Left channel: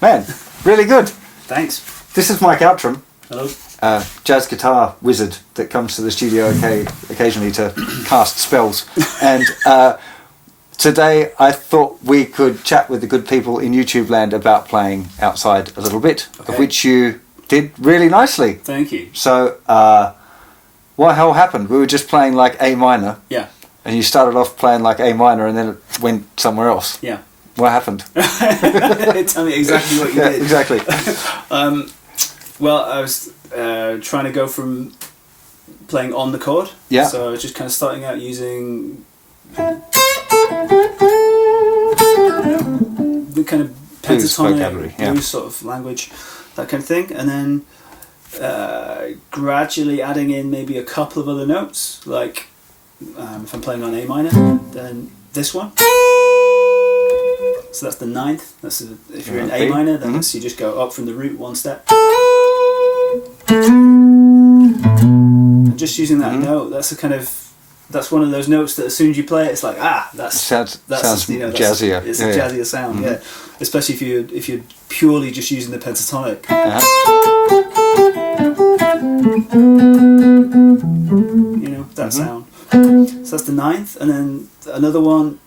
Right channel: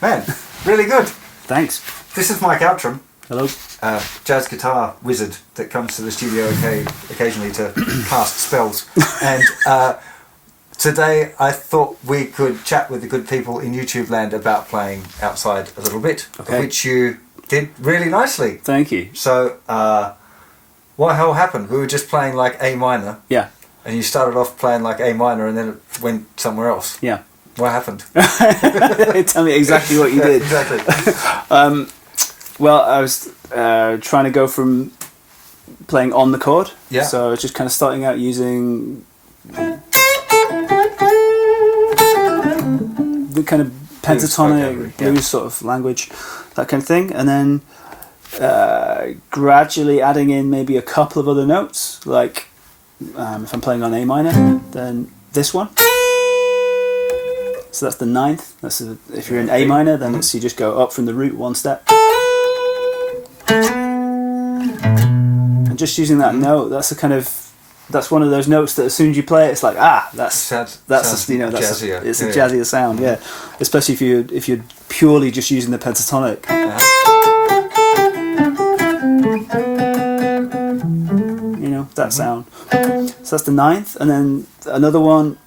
Man, really good. Thanks. This is Mike Outram. Hello. Jazz guitar wizard that comes to the studio occasionally to cast spells. And today I thought we could chat with the good people in YouTube land about playing outside a little bit, Okay. of which you did really nicely. Thank you. So, what hell happened? We were just playing like A minor, Yeah. and you started off playing like A minor and then it went somewhere else. Yeah. What happened? Tell me exactly what you did. Exactly. Well, I was trying to go from playing on the chord. Yeah. So I was just kind of starting out using the kind of Blues vocabulary, pentatonic, yeah. blues sort of language, that kind of thing, and then gradually adding in maybe a couple of other notes, like if I'm playing on A minor, then this one. So that's the ninth. That's if you're in A minor, then it's, you just go up from the root one step. And just using that note, that's that's one of those notes that as soon as you play it, it's like that's sounds jazzier. It's a jazzier sound, yeah. Especially if you're purely just using the pentatonic. You know, that sound. So that's the ninth, and then another one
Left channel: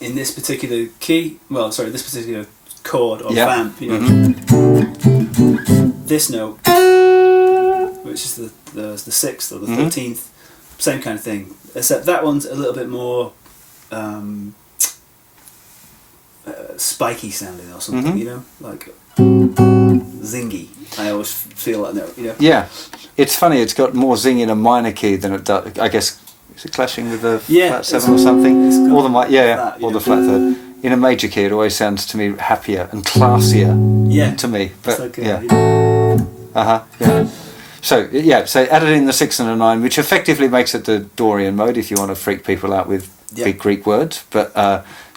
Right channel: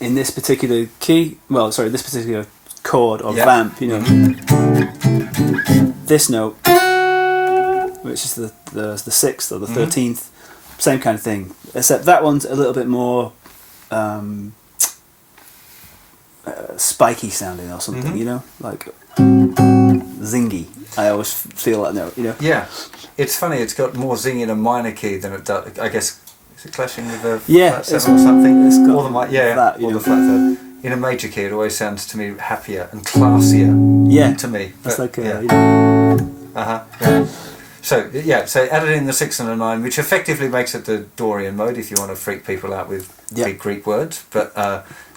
in this particular key. Well, sorry, this particular chord or vamp. You know, this note, which is the sixth or the 13th, same kind of thing. Except that one's a little bit more spiky sounding or something. You know, like zingy. I always feel that note. You know. Yeah, it's funny. It's got more zing in a minor key than it does. I guess is it clashing with the flat seven or something, or the flat, or the flat third. In a major key, it always sounds to me happier and classier. Yeah, to me. But, like yeah. Yeah. So added in the 6 and a 9, which effectively makes it the Dorian mode if you want to freak people out with big Greek words. But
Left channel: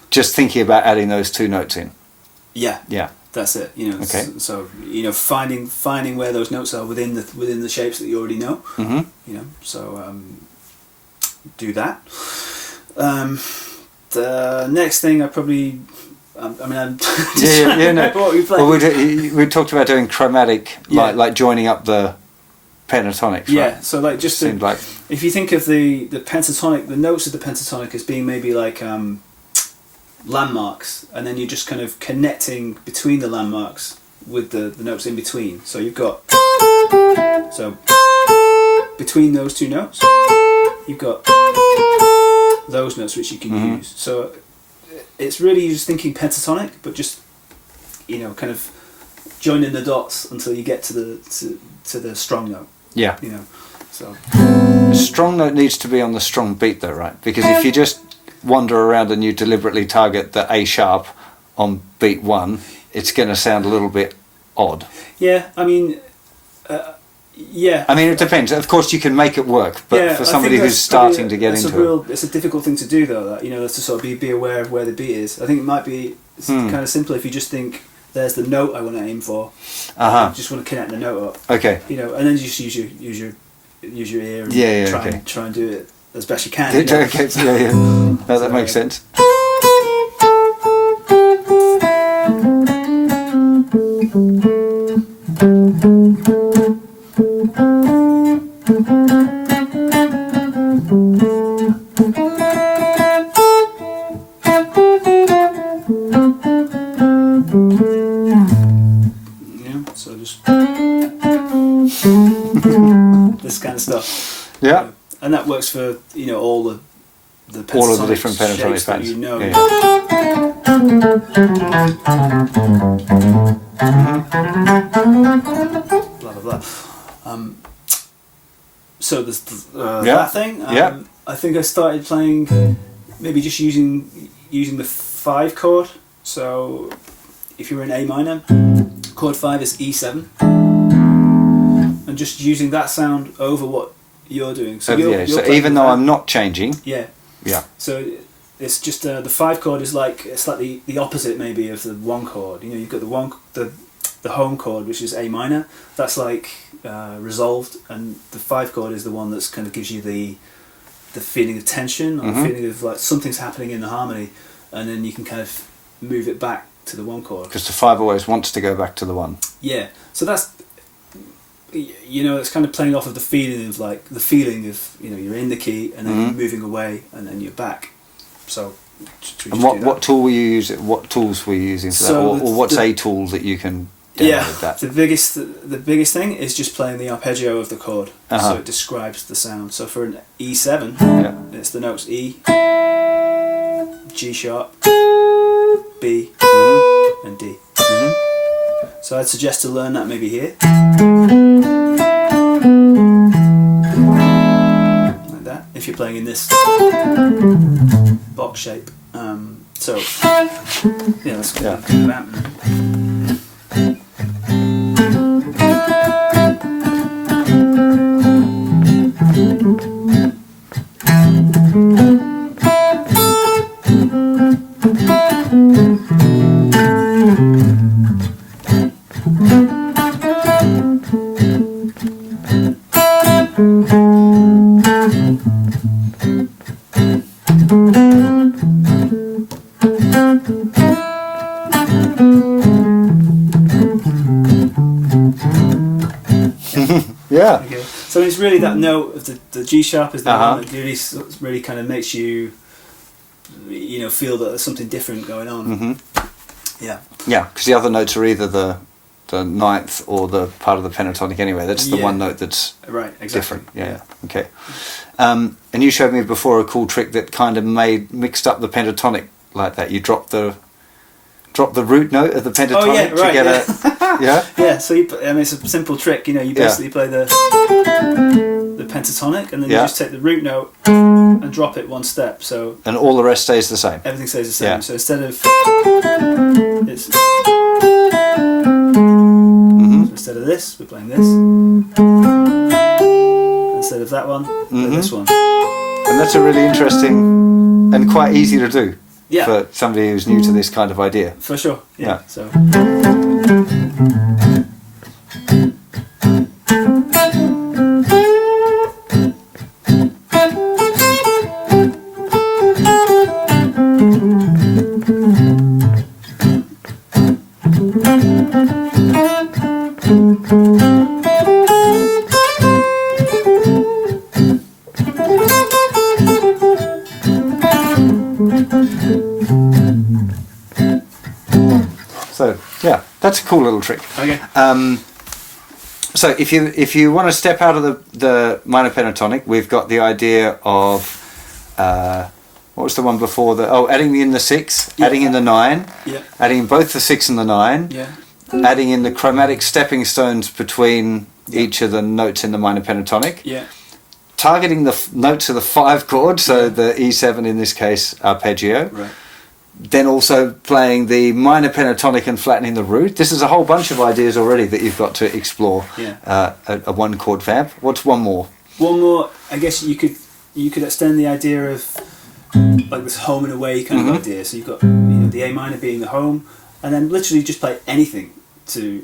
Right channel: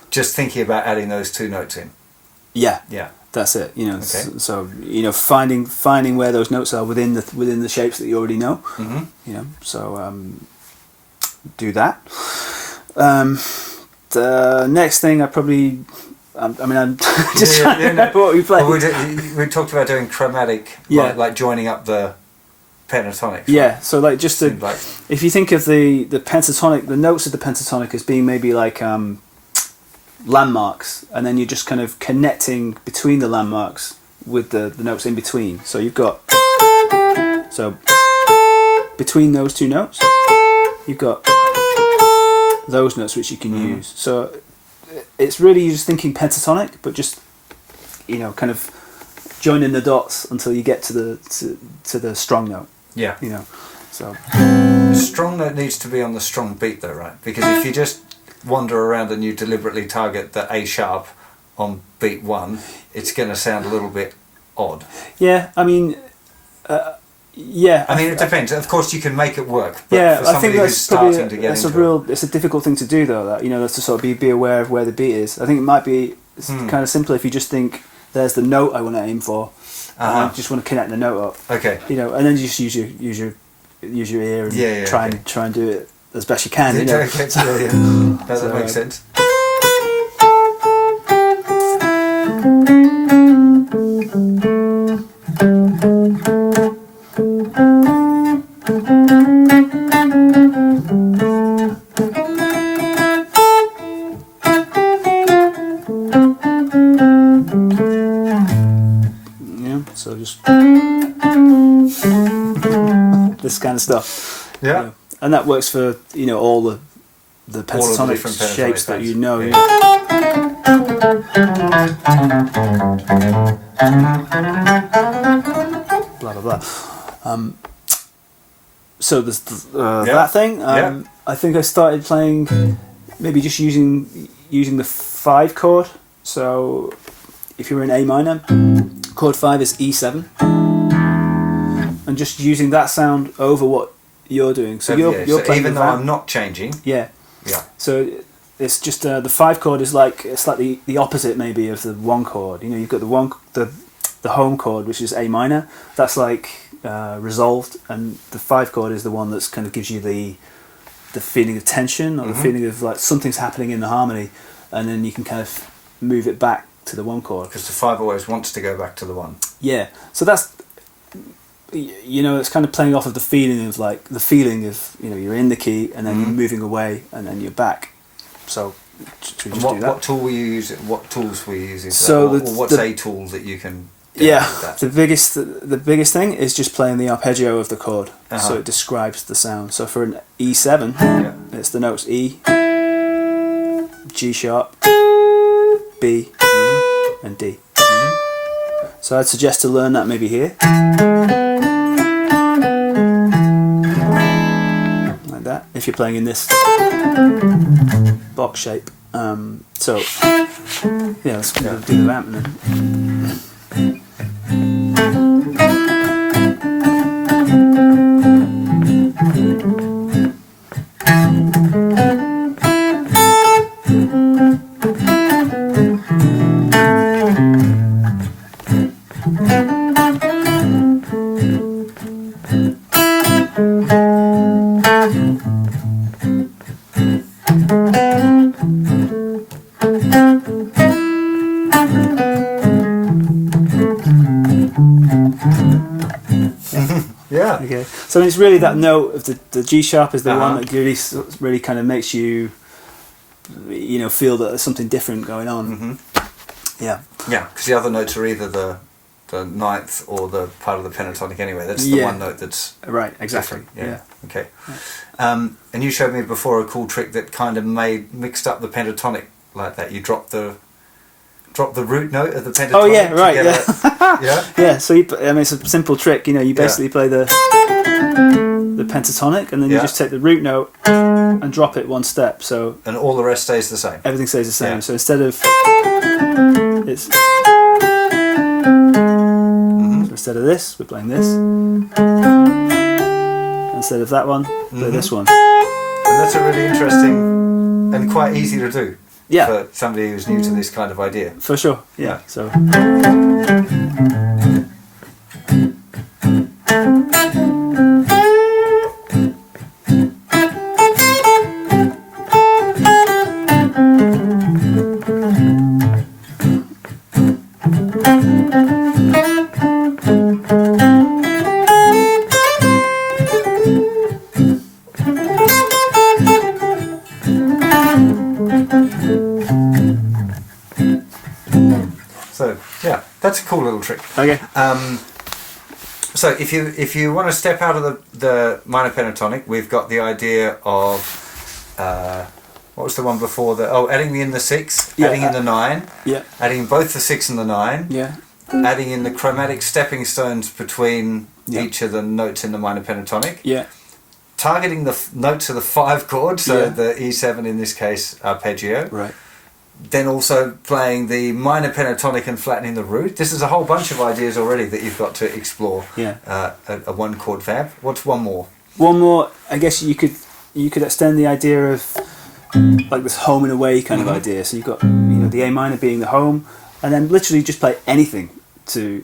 just thinking about adding those two notes in. Yeah. That's it. You know. Okay. So you know, finding where those notes are within the shapes that you already know. You know. So do that. The next thing I probably. I'm just trying to know what we played. Well, we talked about doing chromatic, like joining up the pentatonics. Right? Yeah, so like just if you think of the pentatonic, the notes of the pentatonic as being maybe like landmarks, and then you're just kind of connecting between the landmarks with the notes in between. So you've got between those two notes, you've got those notes which you can use. So it's really just thinking pentatonic, but just kind of joining the dots until you get to the strong note. Yeah. You know, so the strong note needs to be on the strong beat, though, right? Because if you just wander around and you deliberately target the A sharp on beat 1, it's going to sound a little bit odd. Yeah, I mean, Yeah. I mean, it depends. Of course, you can make it work, but Yeah, for I think somebody that's who's starting to get it's into it, it's a difficult thing to do though. That that's to sort of be aware of where the beat is. I think it might be kind of simpler if you just think there's the note I want to aim for. I just want to connect the note up. Okay. And then you just use your ear and try and do it as best you can. Okay. Yeah. No, that makes sense. So just this kind of stuff. Yeah. And that works for all the All of the pentatonic different pentatonic shapes that patterns. you know. Yeah. Blah blah blah. So there's Yeah. that thing. Yeah. I think I started playing maybe just using the 5 chord. So if you're in A minor, chord 5 is E7, and just using that sound over what you're doing. So you're so playing even with though that. I'm not changing, Yeah. yeah, So it's just the 5 chord is like the opposite maybe of the 1 chord. You've got the home chord, which is A minor. That's like resolved, and the 5 chord is the one that's kind of gives you the feeling of tension or the feeling of like something's happening in the harmony, and then you can kind of move it back to the 1 chord. because the 5 always wants to go back to the 1. Yeah. So that's it's kind of playing off of the feeling of you're in the key and then you're moving away and then you're back. So should we And just do that? what tool were you using? What tools were you using for So that? Or what's a tool that you can download that? The biggest thing is just playing the arpeggio of the chord. So it describes the sound. So for an E7, it's the notes E, G sharp, B, and D. So I'd suggest to learn that maybe here. Like that, if you're playing in this box shape. Let's do the vamp then. Yeah. Okay. So it's really that note of the G sharp is the one that really kind of makes you, feel that there's something different going on. Yeah. Yeah, because the other notes are either the ninth or the part of the pentatonic anyway. That's the one note that's right. Exactly. different. Yeah. Okay. And you showed me before a cool trick that kind of mixed up the pentatonic like that. You drop the root note of the pentatonic. Oh yeah, right. To get yeah. Yeah. So it's a simple trick. You basically play the pentatonic, and then you just take the root note and drop it one step. So and all the rest stays the same. Everything stays the same. Yeah. So instead of instead of this, we're playing this. Instead of that one, play this one. And that's a really interesting and quite easy to do. Yeah. For somebody who's new to this kind of idea. For sure. Yeah. So. So yeah, that's a cool little trick. Okay. So if you want to step out of the minor pentatonic, we've got the idea of what was the one before the adding in the 6, adding in the 9, adding in both the 6 and the 9, adding in the chromatic stepping stones between each of the notes in the minor pentatonic, targeting the notes of the 5 chord, so the E7 in this case arpeggio, then also playing the minor pentatonic and flattening the root. This is a whole bunch of ideas already that you've got to explore. Yeah. A one chord vamp. What's one more? One more. I guess you could extend the idea of like this home and away kind of idea. So you've got the A minor being the home, and then literally just play anything to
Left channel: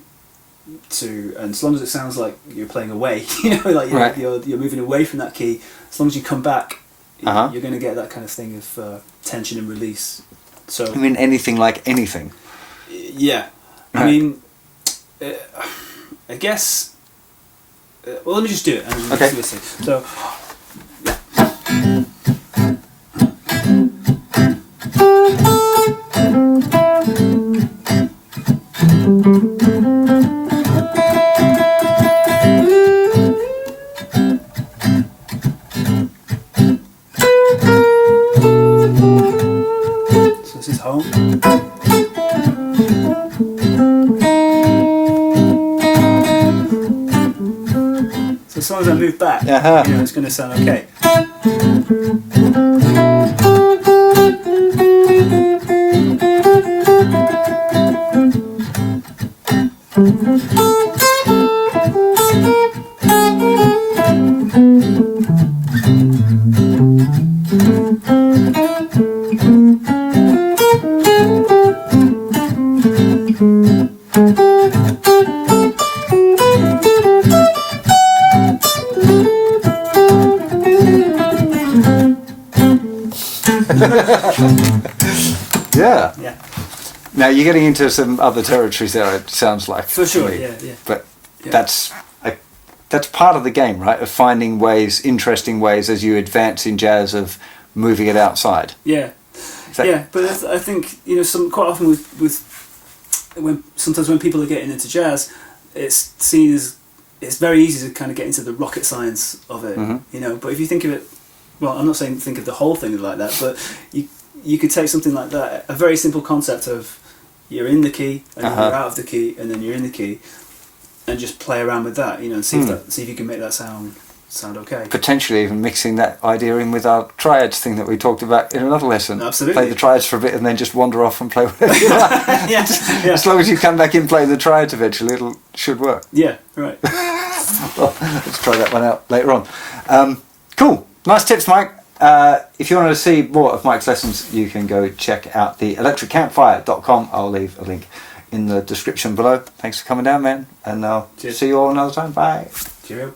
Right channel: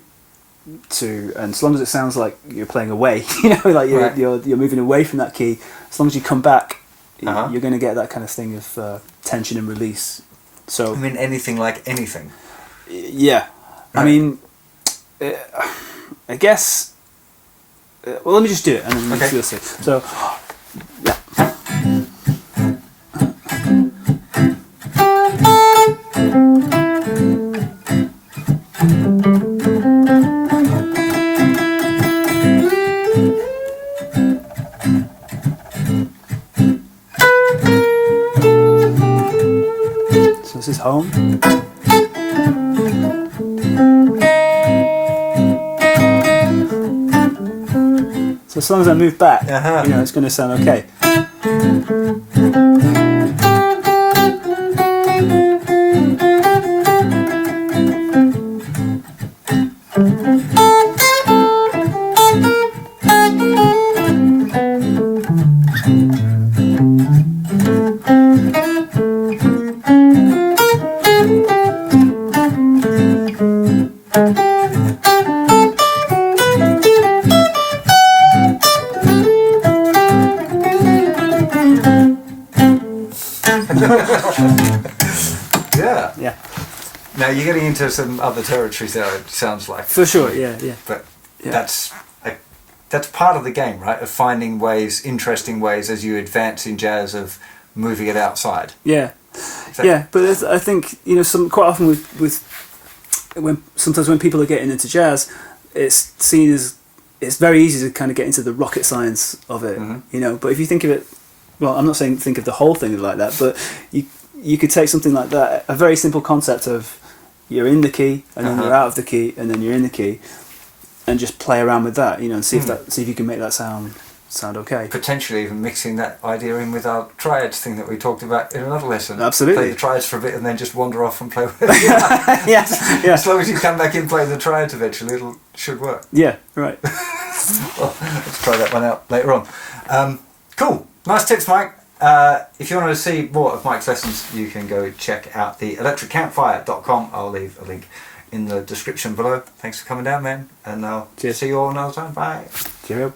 and as long as it sounds like you're playing away, like you're moving away from that key. As long as you come back, you're going to get that kind of thing of tension and release. So I mean, anything like anything. Yeah, Right. I mean, I guess. Well, let me just do it, and then Okay. we'll see. So, yeah. So this is home. So as long as I move back, it's going to sound okay. Yeah. Yeah. Now you're getting into some other territories there. It sounds like For sure, to me. yeah. But Yeah. that's part of the game, right? Of finding ways, interesting ways, as you advance in jazz, of moving it outside. Yeah. That- Yeah, but I think quite often with when people are getting into jazz, it's seen as it's very easy to kind of get into the rocket science of it, But if you think of it, well, I'm not saying think of the whole thing like that, but you could take something like that, a very simple concept of you're in the key and then you're out of the key and then you're in the key, and just play around with that, and see if you can make that sound okay. Potentially even mixing that idea in with our triads thing that we talked about in another lesson. Absolutely. Play the triads for a bit and then just wander off and play with it. yeah. As long as you come back in, play the triads eventually, it should work. Yeah, right. Well, let's try that one out later on. Cool. Nice tips, Mike. If you want to see more of Mike's lessons, you can go check out the electriccampfire.com. I'll leave a link in the description below. Thanks for coming down, man. And I'll Cheers. see you all another time. Bye. Cheerio.